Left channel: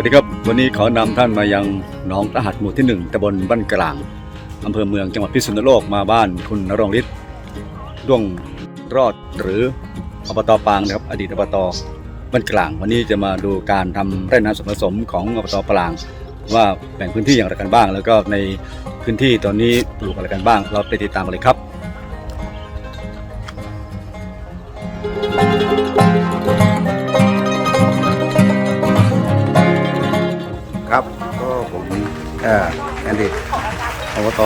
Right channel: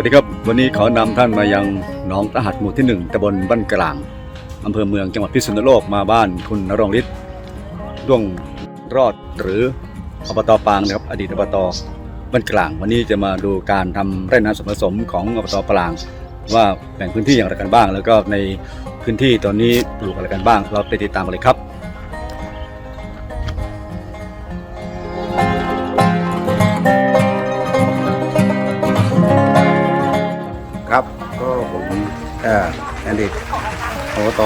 วัสดีครับ วันนี้ขอนำท่านมายังหนองตะหัดหมู่ที่หนึ่งตำบลบ้านกลางอำเภอเมืองจังหวัดพิษณุโลกมาบ้านคุณนรงฤทธิ์ด้วงรอดหรืออบตปางนะครับ อดีตอบตบ้านกลาง วันนี้จะมาดูการทำไร่นาส่วนผสมของอบตปาง ว่าแบ่งพื้นที่อย่างไรกันบ้าง แล้วก็ในพื้นที่ตอนนี้ปลูกอะไรกันบ้าง เราไปติดตามกันเลยครับ อ่อแคนดิดอบต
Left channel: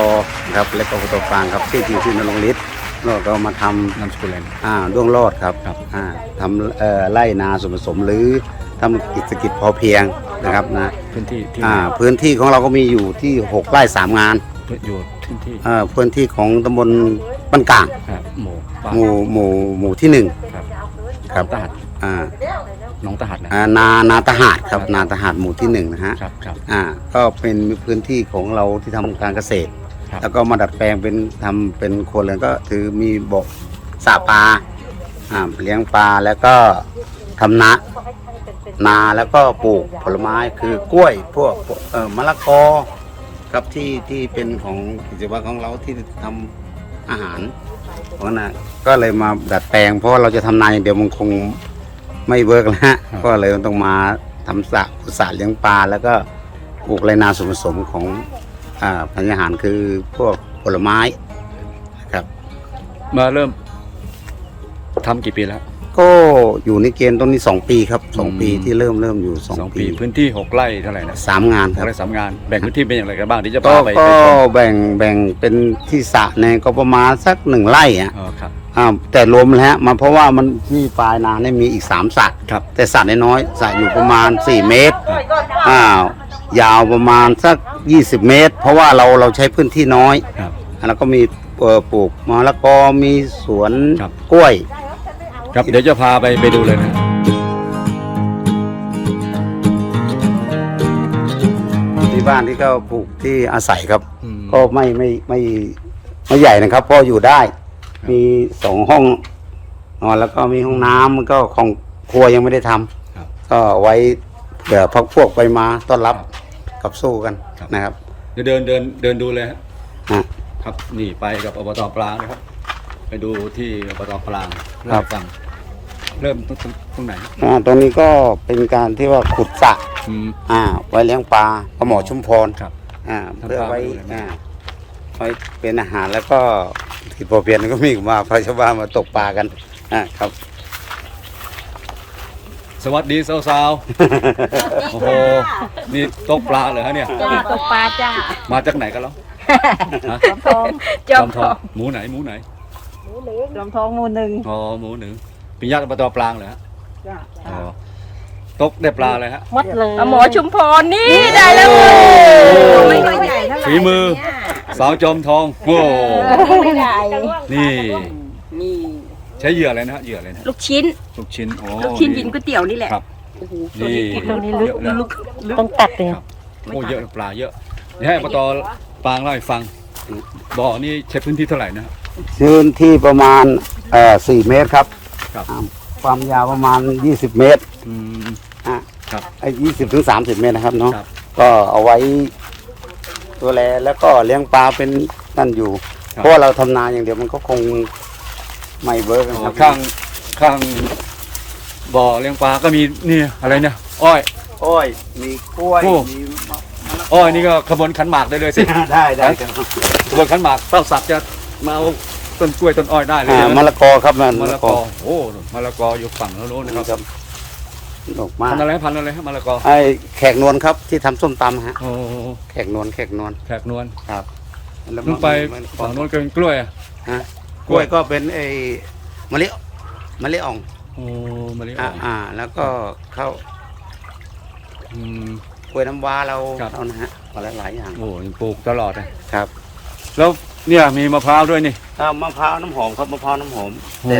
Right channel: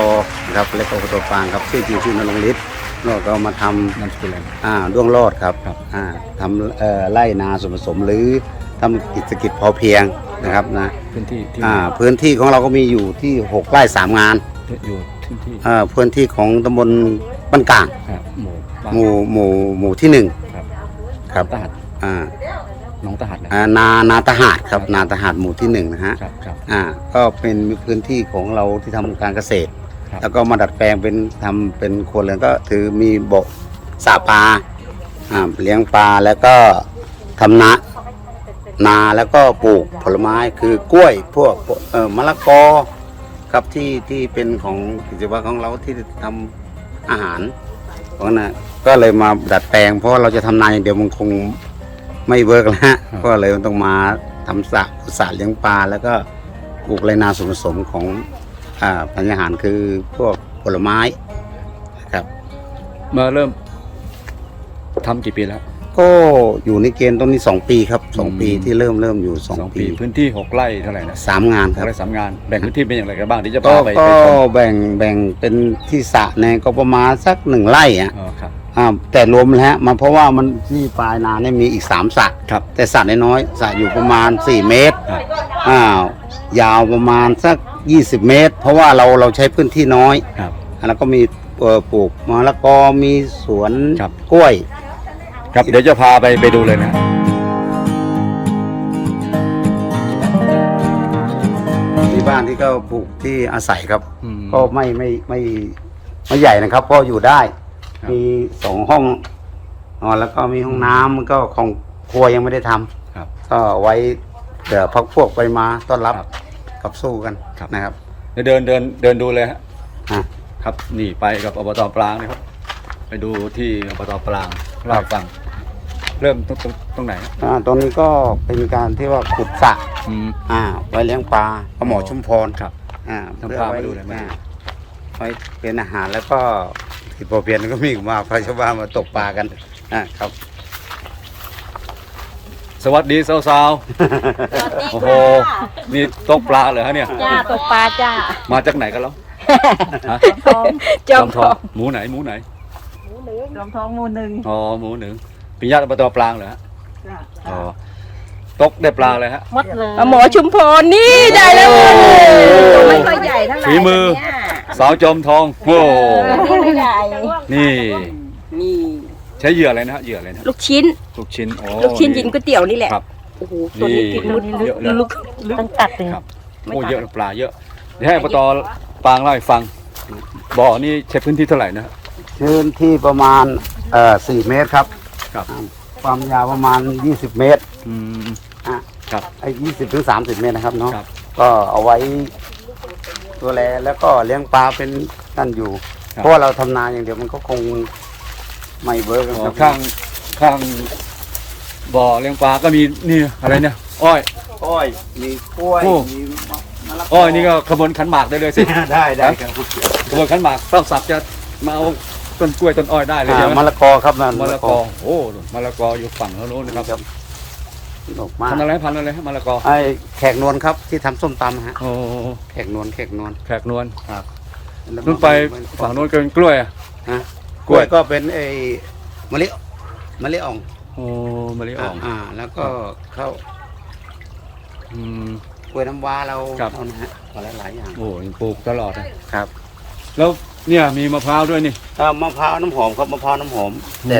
นะครับเล็กอบตฟางครับชื่อจริงชื่อนรงฤทธิ์เราก็มาทนามสกุลอะไรนะำอ่าด้วงรอดครับครับอ่าทำเอ่อไร่นาส่วนผสมหรือทำกิจกิจพอเพียงนะครับนะพื้นที่ที่อ่าพื้นที่ของเราก็มีอยู่ที่6ไร่3งานอยู่พื้นที่เอ่อพื้นที่ของตำบลบ้านกลางอ่าหมู่บ้านหมู่หมู่หมู่ที่หนึ่งครับครับตะหัดอ่า หน้องตะหัดนะอ่านานาตหาดครับนาตหาดหมู่ที่หนึ่งนะฮะครับครับ อ่าก็เป็นพื้นที่ของเราที่ทำการเกษตร ครับ แล้วก็มาดัดแปลงเป็นทำเป็นครัวเรือนก็ถือมีบ่อสระปลาอ่าเลี้ยงปลาแล้วก็ทำนานาแล้วก็ปลูกผลไม้คือกล้วยพวกเอ่อมะละกอครับที่ที่เป็นของกิจวัตรของเราที่ทำอาหารของนะก็เลยมาดัดแปลงเพราะว่าเราจะทำนาอย่างเดียวมันคง ไม่เวิร์กแล้วฮะก็เลยต้องมาทำสระขุดสระเลี้ยงปลาแล้วก็ปลูกไรนาส่วนผสมของอ่าพันธุ์อาหารคือพวกผลไม้นะครับ มาเริ่มทำกี่ปีแล้วก็อยู่ในเกณฑ์ต้นนี้2ปีครับอืม2ปีที่เริ่มเริ่มอยู่สอง2ปีปีพื้นที่หกไร่เท่าไหร่นะสามงานหคกรับ ไร่สามงาน แบ่งพื้นที่เป็นอย่างไรกันบ้างเดี๋ยวจะก็พาไปก็ไปชมแบ่งแบ่งเป็นที่สระเนี่ยก็ประมาณสักหนึ่งไร่อะ อ๋อครับ อ่าแต่รวมแล้วฮะมันเพราะว่ามันที่ปลายนาเนี่ยมีอีก3สระครับ แต่สระน้อยๆสระอยู่ประมาณ4เมตรครับอ้าวยาวประมาณสัก20เมตร เพราะว่าเราเราใช้พื้นที่น้อยครับ แล้วก็มีเอ่อปลูกมะละกอมีสวนครับ กล้วย ครับเดี๋ยวจะพาไปไปดูเลยนะ ที่บ้านที่ก็ปลูกที่อาศัยครับ อืม ก็ไม่ไม่ไม่ไม่ใหญ่นะครับ ก็อยู่ได้ ครับ มีสองห้องนอนแล้วก็มีห้องน้ำก็ของครัวยังไม่ได้ทำครับ ก็ไว้เผื่อพักพวกไปมาต้อนรับครับกับสู้กันครับ นะครับเดี๋ยวเดินเดินเดินดูเลยฮะอะครับนี่ไปกับอบตปรางนะครับ ไปดูที่อบตปรางเล่าให้ฟัง เริ่มตรงตรงตรงไหนอ่าตอนนี้ก็เป็นการที่ว่าขุดสระอืม อ่าไว้เลี้ยงปลาปลาหมอชุมพรครับอ่าทำปลามาดูหน่อยมาดู อ่ไว้เป็นอาหารแล้วก็ ที่พอเพียนก็มีมาพอชาวบ้านมาตกปลากันอ่าครับ สวัสดีสาวๆโอ้โหนี่ตกปลาเลยฮะเนี่ย จ้าตกปลาจ้า มาจากไหนกันแล้วฮะจจออมมททอองงหมูไหนหมูไหนจอมทองหมูหนึ่งอ๋อหมูหนึ่งปิญาตอบตปรางเหรอฮะจ้าอ๋อตกได้ปลาเลยฮะมัดเลยหมอชุมพรนี่ได้แล้วโอ้โหไม่ค่อยใหญ่เท่าไหร่ฝีมือสาวจอมทองโอ้นี่ไม่ ใหญ่นี่ นี่ใช้เหยื่ออะไรนะฮะเหยื่ออะไรนะลูกชิ้นลูกชิ้นโอ้ลูกชิ้นกินก๋วยเตี๋ยวนี่แหละครับ โอ้โหนี่ตัวนี้เยอะเลยลึกลึกต้องตัดเลยครับโอ้เยอะปลาเยอะเดี๋ยวให้อบตปรางเล่าให้ฟังบ่อนี่ใช้พื้นที่เท่าไหร่นะพื้นที่ประมาณเอ่อสี่เมตรครับครับ ความยาวประมาณ20เมตรอืมอะครับไอ้ยี่สิบถึงสามสิบเมตรนะครับเนาะครับก็เอาไว้ดูแลแล้วก็เลี้ยงปลาเป็นนั่นอยู่ครับ เพราะว่าเราทำนาอย่างเดียวมันก็คงไม่เวิร์กอ๋อครับข้างข้างบ่อเลี้ยงปลาก็มีนี่อะไรเนี่ยอ้อย อ้อยมีกล้วยโอ้ มีมะมะละกอ้อยนี่ก็ขบวนขันหมากได้เลยสิ ได้ได้ครับขบวนขันหมากเต้าสักจะมาเอาต้นกล้วยต้นอ้อยได้เลยใช่ไหมมะละกอครับมะละกอโอ้มะละกออยู่ฝั่งโน้นนะครับดอกไม้พันธุ์อะไรพันธุ์อะไรฮะมะละกอไอ้แขกนวลครับที่ทำส้มตำฮะโอ้แขกนวลแขกนวลแขกนวลครับแล้ว นู่นไปมะละกอฝั่งโน้นก็เป็นกล้วยอะฮะกล้วยก็เป็นไอ้มะลิมะลิอ่องโอ้มะลิอ่อ่าองอ่า แล้วก็ข้าวอืมกล้วยน้ำว้าเราครับเอานะฮะหลายหลายๆอย่างโอ้ยังปลูกตลอดนะครับ แล้วเนี่ยมีมะพร้าวด้วยนี่เอ่อมะพร้าวน้ำหอมครับมะพร้าวน้ำหอมโอ้แต่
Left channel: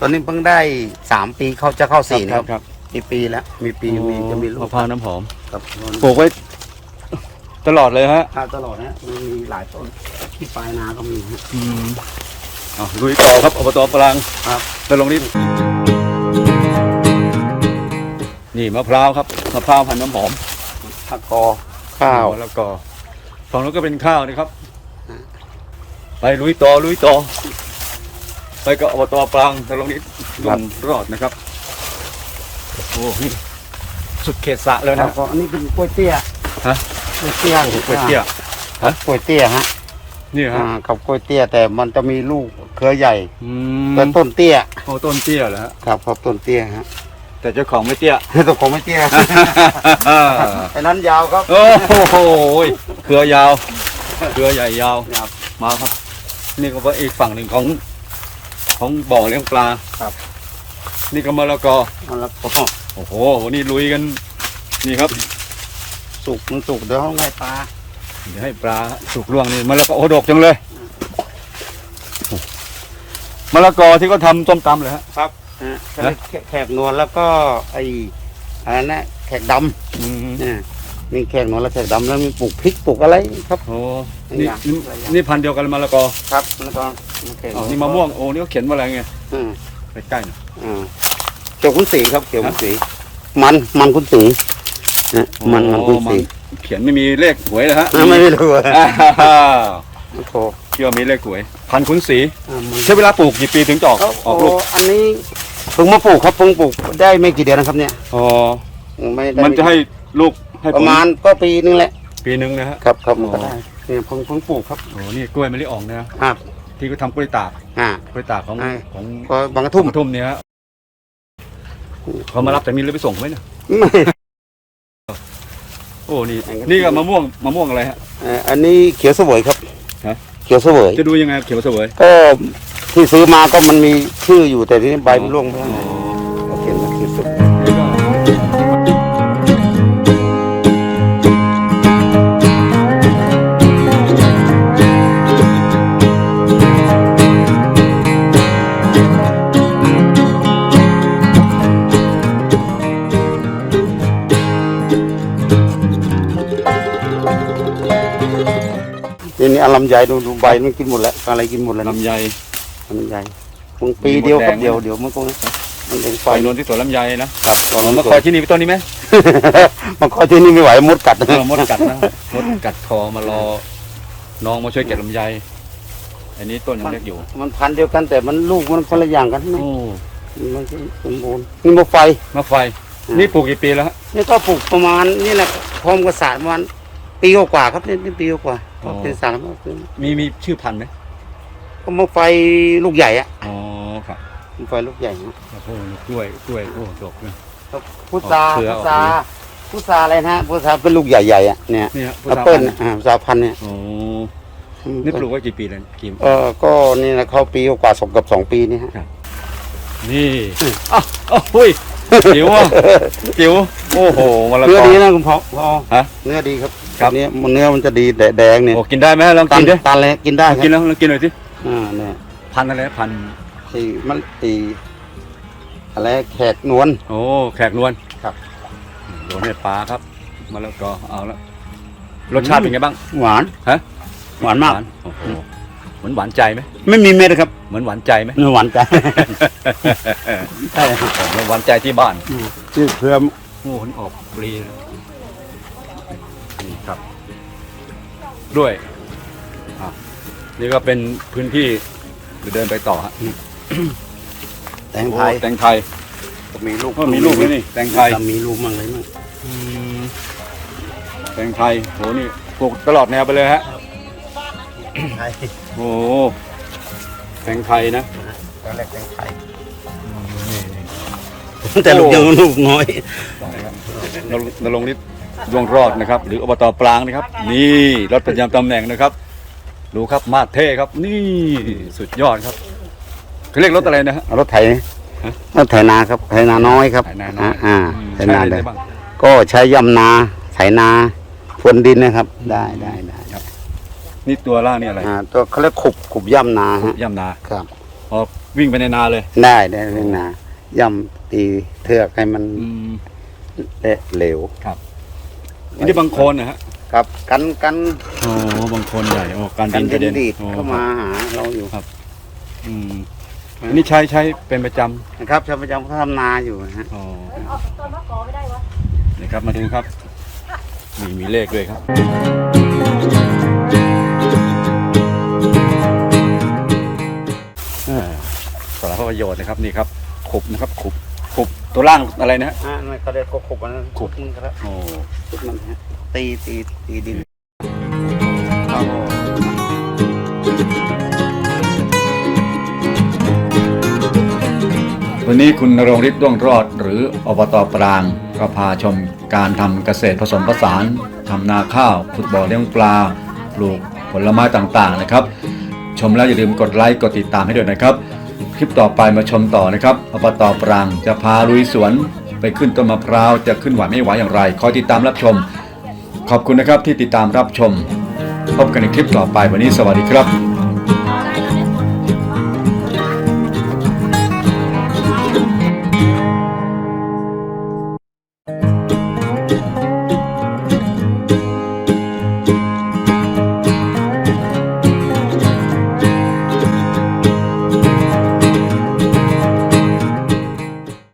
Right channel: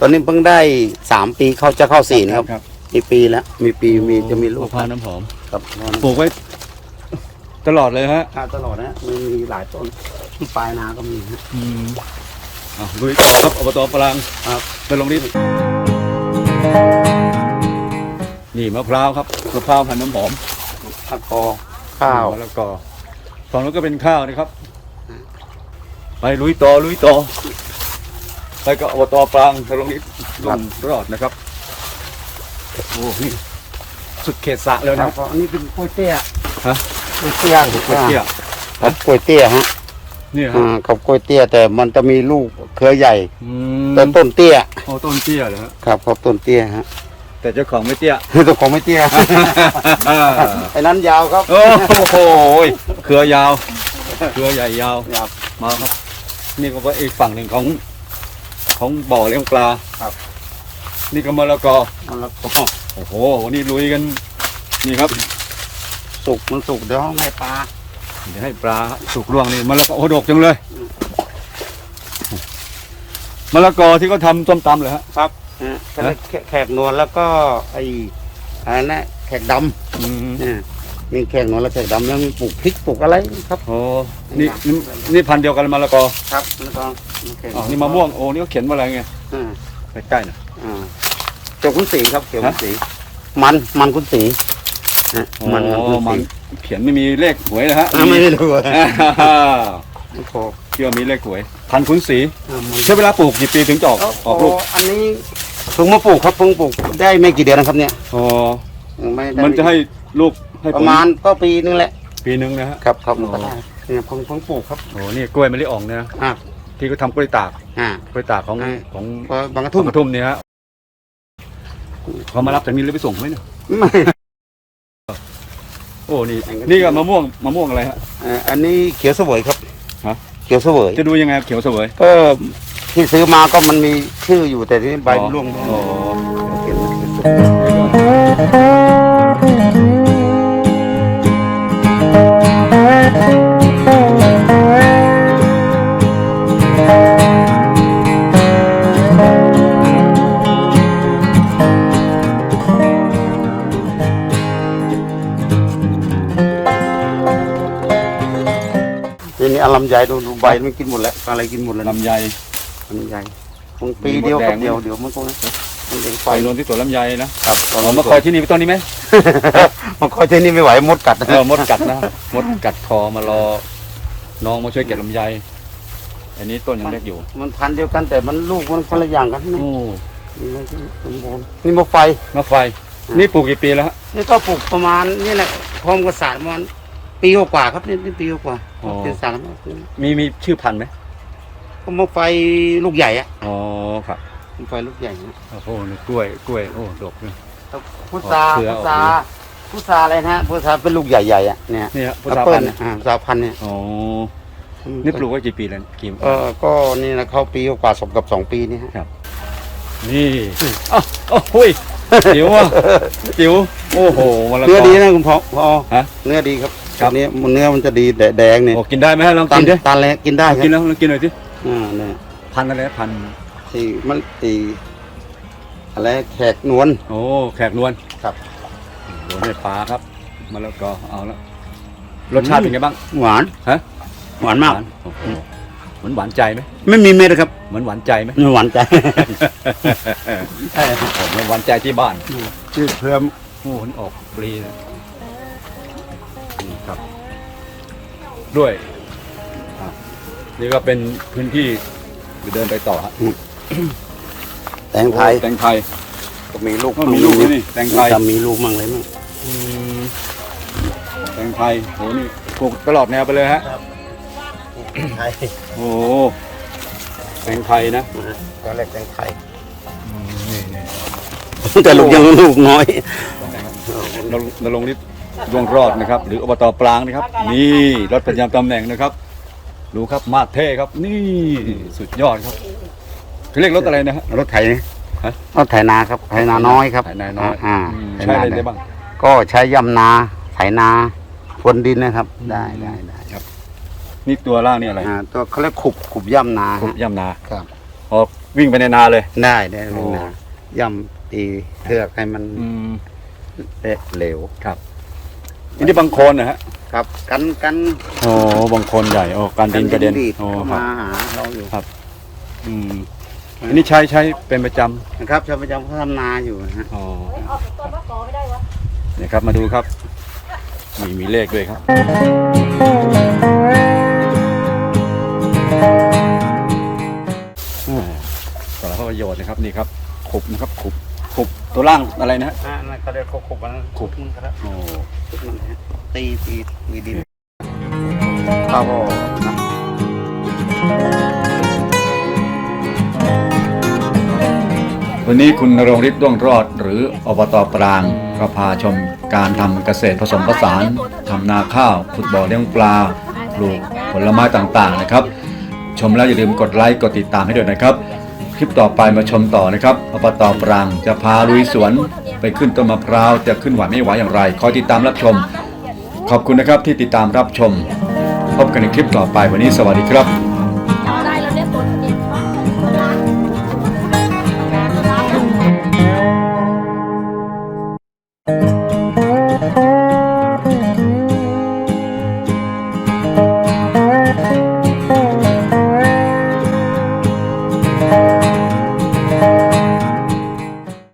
ตอนนี้เพิ่งได้สามปีเข้าจะเข้าสี่นะครับครับ มีปีแล้วมีปีมีจะมีลูกมะพร้าวน้ำหอมครับปลูกไว้ ตลอดเลยฮะอ่าตลอดนะมีมีหลายต้นที่ปลายนาก็มีฮะ อืมอะลุยต่อครับอบตปรางครับ ไปลงรีบนี่มะพร้าวครับมะพร้าวพันธุ์น้ำหอมผักกอ ข้าวมะละกอฝั่งนู้นก็เป็นข้าวนะครับ ไปลุยต่อลุยต่อ ไปกับอบตปรางตรงนี้ลงรอดนะครับโอ้โหนี่สุดเขตสระเลยนะฮะอันนี้เป็นกล้วยเตี้ยฮะ กล้วยเตี้ยโอ้โหกล้วยเตี้ยฮะกล้วยเตี้ยฮะนี่ฮะอ่ากับกล้วยเตี้ยแต่มันจะมีลูกเครือใหญ่อืมต้นต้นเตี้ยโอ้ต้นเตี้ยเหรอฮะครับครับต้นเตี้ยฮะแต่เจ้าของไม่เตี้ยตัวของไม่เตี้ยไอ้นั้นยาวครับ โอ้โหเครือยาว เครือใหญ่ยาวมาครับ นี่ก็เป็นอีกฝั่งหนึ่งของของบ่อเลี้ยงปลาครับ นี่ก็มะละกอมันละกอโอ้โหนี่ลุยกัน นี่ครับ สุกมันสุกเดี๋ยวให้ปลาเดี๋ยวให้ปลาสุกล่วงนี่มะละกอโอ้ดกจังเลยมะละกอที่เขาทำส้มตำเลยฮะ ครับฮะแขกนวลแล้วก็ไอ้อะไรนะแขกดอืมำเนี่ยมีแขกนวลและแขกดำแล้วมีปลูกพริกปลูกอะไรครับโอ้นี่นี่นี่พันธุ์เดียวกันมะละกอครับแล้วก็มีแขกอ๋อนี่มะม่วงโอ้นี่เขาเขียนว่าอะไรไงอืมไปใกล้หน่อยอืมเขียวขุนสีครับเขียวขุนฮะสีมันมันขุนสีเนี่ยโอ้มันขุนมันสีเขียนไม่มีเลขหวยเลยฮะไม่ได้รู้อะอ่าฮ่าโอ้โหเชื่อมีเลขหวย พันธุ์ขุนศรีอ่ามันใช้เวลาปลูกกี่ปีถึงจะออกออกลูกอันนี้เพิ่งมาปลูกครับเพิ่งปลูกได้ไม่กี่เดือนนะครับเนี่ยอ๋อไม่ได้มันจะให้ลูกให้ปผระลมาณก็ปีนึงแหละปีหนึ่งนะฮะ ครับครับอ๋อ เนี่ยผมเพิ่งปลูกครับโอ้นี่กล้วยมะลิอ่องนะอ่าที่เขาทำกล้วยตากอ่ากล้วยตากของใช่ของก็บางกระทุ่ทุ่มมกระทุ่มเนี่ยฮะเขามารับจากนี้หรือไปส่งไหมเนี่ย โอ้นี่นี่ก็มะม่วงมะม่วงอะไรฮะเอ่ออันนี้เขียวเสวยครับฮะ เขียวเสวยจะดูยังไงเขียวเสวย ก็ที่ซื้อมาก็มันมีชื่ออยู่แต่ที่ใบมันร่วงอ๋อ เขียนว่าเขียวเสวย ลำไยดูดูใบนี่กินหมดแล้วอะไรกินหมดแล้วลำไยลำไยคงปีเดียวมดแดงเดียวเดี๋ยวมันก็มันเองไปนวนที่สวนลำไยนะครับอ๋อมาคอยที่นี่ไปต้นนี้ไหมมันคอยที่นี่ไม่ไหวมดกัดเออมดกัดนะมดกัดคอมารอน้องมาช่วยเก็บลำไย อันนี้ต้นยังเล็กอยู่มันพันธุ์เดียวกันแต่มันลูกมันคนละอย่างกันนี่โอ้มันสมบูรณ์นี่มะไฟ มาไฟ นี่ปลูกกี่ปีแล้วฮะนี่ก็ปลูกประมาณนี่นะพร้อมกับสารประมาณ ปีกว่าๆครับนี่นี่ปีกว่าอ๋อเป็นสารมีมีชื่อพันธุ์ไหมก็มะไฟลูกใหญ่อะอ๋อครับมะไฟลูกใหญ่นะโอ้โหนี่กล้วยกล้วยโอ้ดกเนี่ย พุทราออกเครือออกพุทราดี พุทราอะไรนะพุทราเป็นลูกใหญ่ๆอะเนี่ยนี่ฮะพุทธาแอปเปิ้พัลนธุ์อ่าพุทราพันธุ์เนี่ยอ๋อนี่ปลูกไว้กี่ปีแล้วกี่เออก็นี่นะเขาปีกว่าสมกับสองปีนี่ฮะ นี่อ้าวอ้าวหุ้ยจิ๋วอะจิ๋วโอ้โหมะละเนื้กออดีนะคุณพ่อพ่อฮะ เนื้อดีครับ ครับเนี้ยมันเนื้อมันจะดีแดงๆเนี่ยโอ้กินได้ไหมฮะลองตักินนดิตันแล้วกินได้คกินรับแล้วลองกินหน่อยสิอ่าเนี่ยพันธุ์อะไรนะพันธุ์สี่มันสี่อะไรแขกนวล โอ้แขกนวลครับ โดนในปลาครับมะละกอเอาละรสชาติเป็นไงบ้าง หวานฮะ หวานมาก หวโอ้โหเหมือนหวานใจไหมไม่มีเม็ดนะครับเหมือนหวานใจไหมไม่หวานใจใช่ผมเหมือนหวานใจที่บ้านนี่เพื่อมโอ้โหมันออกปลีนะ นี่ครับ ด้วยอะนี่ก็เป็นพื้นที่เดี๋ยวเดินไปต่อฮะแตงโอ้ไทยแตงไทยก็มีลูกก็มีลูกด้วยนี่แตงไทยจะมีลูกมั่งอะไรมั่งอืมแตงไทยโหนี่ปลูกตลอดแนวไปเลยฮะโอ้โหแตงไทยนะตอนแรกแตงไทยนี่นี่แต่ลูกยังลูกน้อยนรงน รงฤทธิ์ดวงรอดนะครับ หรืออบตปรางนะครับ นี่รถประจำตำแหน่งนะครับ ดูครับมาดเท่ครับ นี่สุดยอดครับเขาเรียกรถอะไรนะฮะ รถไถฮะ รถไถนาครับไถนาน้อยครับไถนาน้อยอ่าอืมถใช้นาอะไรได้บ้าง ก็ใช้ย่ำนาไถนาพรวนดินนะครับ ได้ได้ได้นี่ตัวล่างนี่อะไรอ่าตัวเขาเรียกขุบขุบย่ำนาขุบย่ำนาครับออกวิ่งไปในนาเลย ได้ได้โอ้ในนาย่ำตีเทือกให้มันอืมเละเหลว อันนี้บางโคนนะฮะครับ กันกันโอ้บางโคนใหญ่โอ้การดินกระเด็นดีดโอ้เข้าครัมาบ หาเราอยู่อืมอันนี้ใช้ใช้เป็นประจำนะครับชาวประจำเขาทำนาอยู่นะฮะอ๋อครับนี่ครับมาดูครับมีมีเลขด้วยครับ อ่าสารพัดประโยชน์นะครับนี่ครับขุบนะครับขุบ ขุบตัวล่างอะไรนะฮะ อ่านั่นก็ได้ขุบอันนั้นขุบมันก็ได้โอ้ขุบมันฮะตีตีตีดินวันนี้คุณนรงฤทธิ์ด้วงรอด หรืออบตปรางก็พาชมการทำเกษตรผสมผสานทำนาข้าวฟุตบอลเลี้ยงปลา ปลูกผลไม้ต่างๆนะครับ ชมแล้วอย่าลืมกดไลค์กดติดตามให้ด้วยนะครับค ลิปต่อไปมาชมต่อนะครับอบตปรางจะพาลุยสวนไปขึ้นต้นมะพร้าวจะขึ้นไหวไม่ไหวอย่างไร คอยติดตามรับชม ขอบคุณนะครับที่ติดตามรับชม พบกันในคลิปต่อไปวันนี้สวัสดีครับ